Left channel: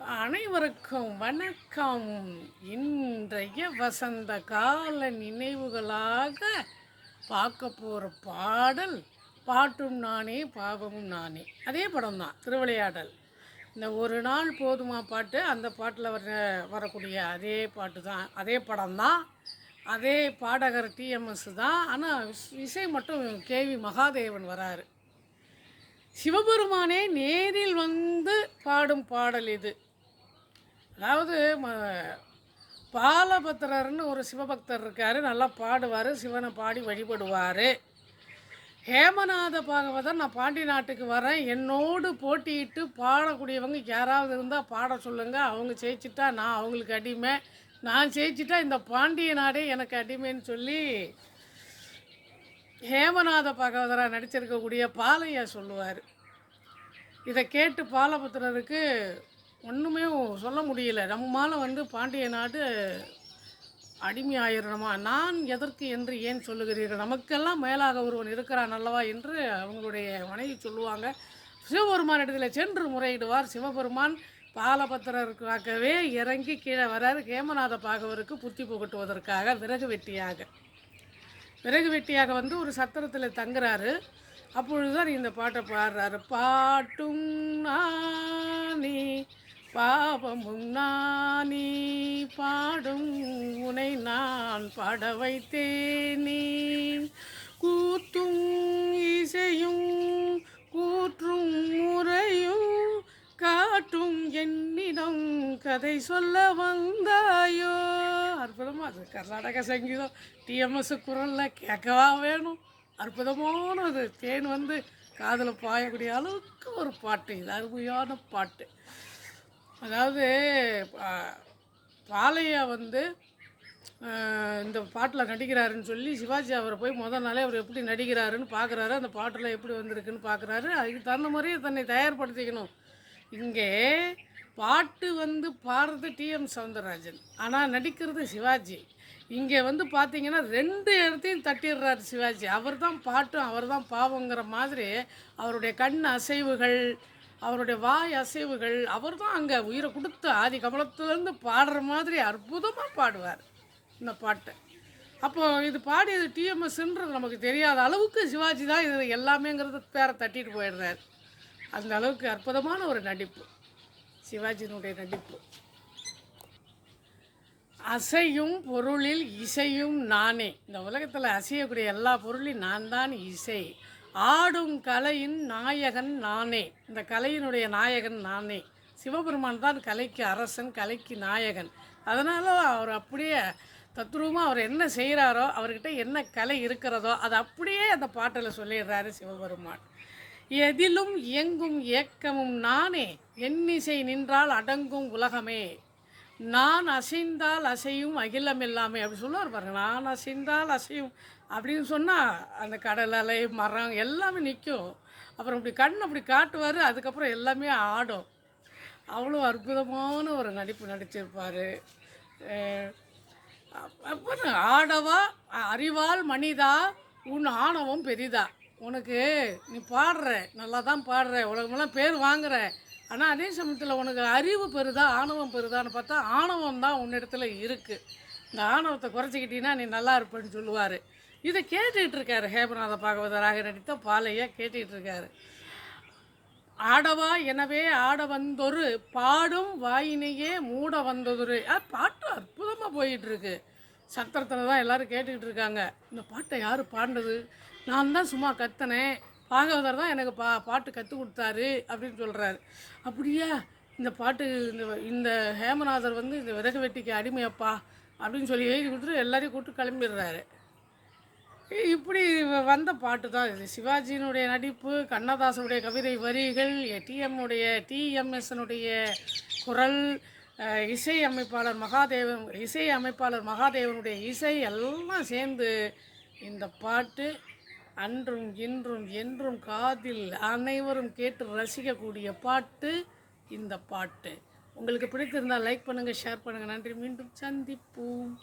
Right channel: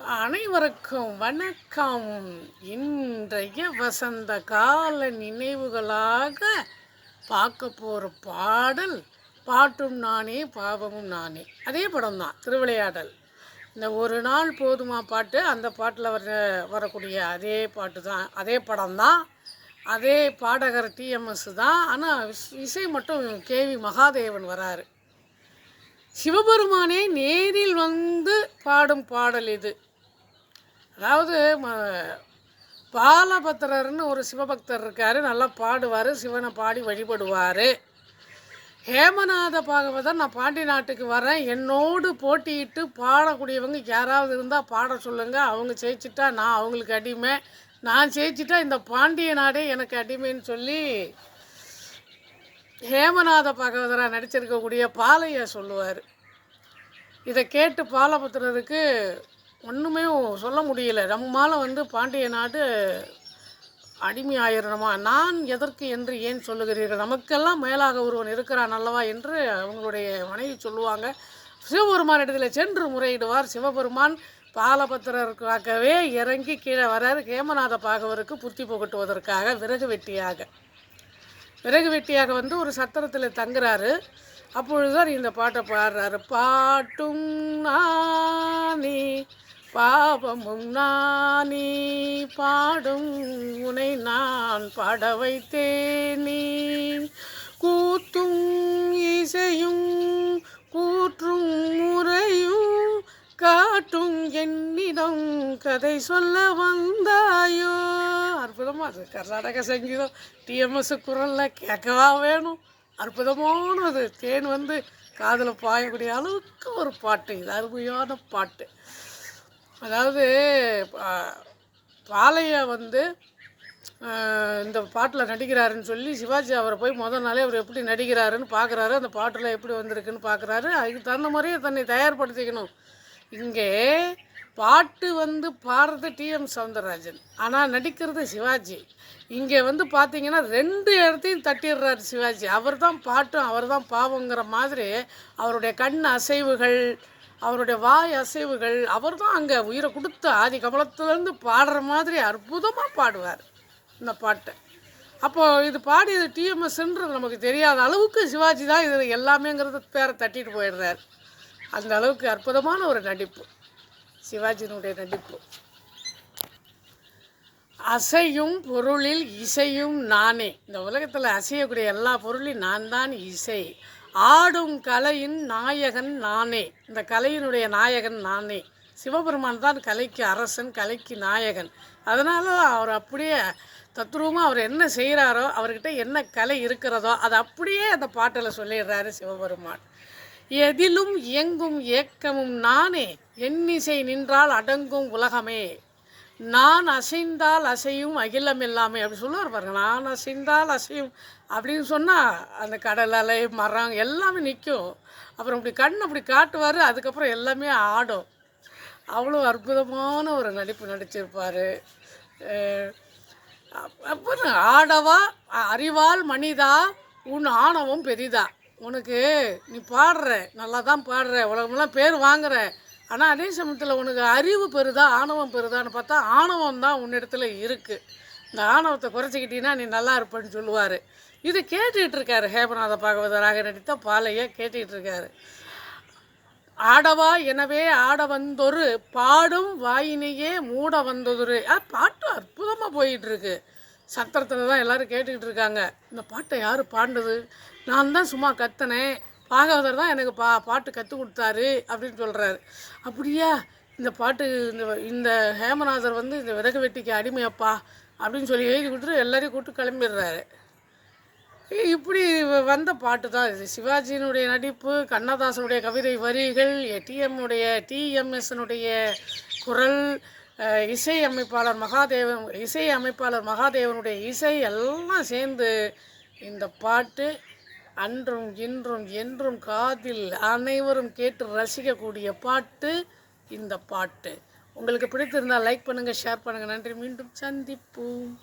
அனைவருக்கும் வணக்கம். இன்றைய வசந்த கால நினைவுகளாக பார்க்க போகிற பாடல் பாட்டும் நானே பாவமும் நானே. அதே படம் தான், திருவிளையாடல். இந்த ஒரு நாள் போதுமா பாட்டு, அந்த பாட்டில் வரக்கூடிய அதே பாட்டு தான், அதே படம் தான், அதே பாடகர் டிஎம்எஸ் தான். ஆனால் இசை மட்டும் கேவி மகாதேவன் வராரு. சிவபெருமானே நேரில் வந்து பாடும் பாடல் இது. அதாவது பாலபத்திரர்னு ஒரு சிவபக்தர் இருக்கார், நல்லா பாடுவார், சிவனை பாடி வழிபடுவார். ஹேமநாத பாகவதர், நான் பாண்டி நாட்டுக்கு வரேன், என்னோடு போட்டியிட்டு பாடக்கூடியவங்க யாராவது இருந்தால் பாட சொல்லுங்கள், அவங்க ஜெயிச்சிட்டா நான் அவங்களுக்கு அடிமை, நான் ஜெயிச்சிட்டா இந்த பாண்டிய நாடே எனக்கு அடிமைன்னு சொல்லி ஹேமநாத பாகவதராக நடிச்சிருக்கக்கூடிய பாலையா சொல்லுவார். இதை கேட்டு பாலபத்திரருக்கு ஒன்றுமே சொல்ல முடியல. நம்மால் பாண்டிய நாடு அடிமை ஆயிரணுமா, நான் எதற்கு என்று ஏன் சொல்லுகிறீர்கள், நமக்கெல்லாம் மேலாக ஒருவன் இருக்கிறான் அல்லவா என்று அவங்களுடைய மனைவி சொல்லுவாங்க. சிவபெருமான் இடத்துல சென்று முறையிடுவார். சிவபெருமான் பாலபத்திரருக்காகவே இறங்கி கீழே வராரு, ஹேமநாத பாகவருக்கு புத்தி புகட்டுவதற்காக விறகு வெட்டியாக ஒரு சத்திரத்தில் தங்குறாரு. அப்பொழுதுதான் இந்த பாட்டை பாடுறாரு. பாட்டும் நானே பாவமும் நானே, பாடும் உனை நான் பாட வைத்தேனே, கூத்தும் இசையும் கூற்றும் முறையும் காட்டும் என்னிடம் கதை சொல்ல வந்தாயோ. அற்புதமாக அது கர்நாடக சங்கீதம், டிஎம்எஸ் குரலில் கேட்கவா வேணும். அற்புதமானது, தேன் காதில் பாயக்கூடிய அளவுக்கு ஒரு பாட்டு இது, அருமையான பாட்டு. அதாவது பாலையா இந்த பாட்டில் நடிக்கிறாருன்னு சொல்லி சிவாஜி அவரை போய் முதல் நாளே அவர் எப்படி நடிக்கிறாருன்னு பார்க்குறாரு, அந்த பாட்டில் எப்படி வந்திருக்குன்னு பார்க்குறாரு. அதுக்கு தகுந்த மாதிரியே தன்னை தயார்படுத்திக்கணும். இங்கே பாட்டு பாடுறது டிஎம் சௌந்தரராஜன், ஆனால் நடிக்கிறது சிவாஜி. இங்கே பார்த்தீங்கன்னா 2 இடத்தையும் தட்டிடுறாரு சிவாஜி. அவர் தான் பாட்டும் அவர் தான் பாவங்கிற மாதிரி அவருடைய கண் அசைவுகள், அவருடைய வாய் அசைவுகள், அவர் தான் அங்கே உயிரை கொடுத்து ஆதி கமலத்துலேருந்து பாடுற மாதிரி அற்புதமாக பாடுவார் இந்த பாட்டை. அப்போது இது பாடியது டிஎம்எஸ்ன்றது நமக்கு தெரியாத அளவுக்கு சிவாஜி தான் இது எல்லாமேங்கிறது பேரை தட்டிட்டு போயிடுறார். அந்த அளவுக்கு அற்புதமான ஒரு நடிப்பு சிவாஜியினுடைய நடிப்பு. அசையும் பொருளில் இசையும் நானே, இந்த உலகத்தில் அசையக்கூடிய எல்லா பொருளையும் நான் தான் இசை. ஆடும் கலையின் நாயகன் நானே, இந்த கலையினுடைய நாயகன் நானே. சிவபெருமான் தான் கலைக்கு அரசன், கலைக்கு நாயகன். அதனால் அவர் அப்படியே தத்ரூபமாக அவர் என்ன செய்கிறாரோ, அவர்கிட்ட என்ன கலை இருக்கிறதோ அதை அப்படியே அந்த பாட்டில் சொல்லிடுறாரு சிவபெருமான். எதிலும் இயங்கும் ஏக்கமும் நானே, எண்ணிசை நின்றால் அடங்கும் உலகமே, நான் அசைந்தால் அசையும் அகிலம் எல்லாமே அப்படி சொல்லுவார் பாருங்க. நான் அசைந்தால் அசையும் அப்படின்னு சொன்னால் அந்த கடல் அலை மரம் எல்லாமே நிற்கும். அப்புறம் இப்படி கண் அப்படி காட்டுவார், அதுக்கப்புறம் எல்லாமே ஆடும். அவ்வளோ அற்புதமான ஒரு நடிப்பு நடிச்சிருப்பார். அப்புறம் ஆடவா அறிவால் மனிதா உன் ஆணவம் பெரிதா, உனக்கு நீ பாடுற நல்லா தான் பாடுற, உலகமெல்லாம் பேர் வாங்குற, ஆனால் அதே சமயத்தில் உனக்கு அறிவு பெறுதா ஆணவம் பெறுதான்னு பார்த்தா ஆணவம் தான் உன்னிடத்துல இருக்குது. இந்த ஆணவத்தை குறைச்சிக்கிட்டீங்கன்னா நீ நல்லா இருப்பேன்னு சொல்லுவார். இதை கேட்டுக்கிட்டு இருக்காரு ஹேமநாத பாகவதராக நடித்த பாலையா கேட்டுக்கிட்டு இருக்காரு. ஆடவா எனவே ஆட வந்தொரு பாடும் வாயினையே மூட வந்ததொரு. பாட்டு அற்புதமாக போயிட்டுருக்கு. சத்திரத்தில் தான் எல்லோரும் கேட்டுக்கிட்டு இருக்காங்க. இந்த பாட்டை யார் பாடினது, நான் தான் சும்மா கத்தினேன், பாகவதர் தான் எனக்கு பாட்டு கற்றுக் கொடுத்தாரு அப்படின்னு சொல்கிறாரு. அப்படியா, இந்த பாட்டு இந்த ஹேமநாதர் இந்த விறகு வெட்டிக்கு அடிமையப்பா அப்படின்னு சொல்லி எழுதி கொடுத்துட்டு எல்லாரையும் கூப்பிட்டு கிளம்பிடுறாரு. இப்படி வந்த பாட்டு தான் இது. சிவாஜியினுடைய நடிப்பு, கண்ணதாசனுடைய கவிதை வரிகள், டிஎம்எஸ்னுடைய குரல், இசையமைப்பாளர் மகாதேவனுடைய இசை எல்லாம் சேர்ந்து இந்த பாட்டு அன்றும் இன்றும் என்றும் காதில் அனைவரும் கேட்டு ரசிக்கக்கூடிய பாட்டு இந்த பாட்டு. உங்களுக்கு பிடித்திருந்தால் லைக் பண்ணுங்கள், ஷேர் பண்ணுங்கள். நன்றி, மீண்டும் சந்திப்போம்.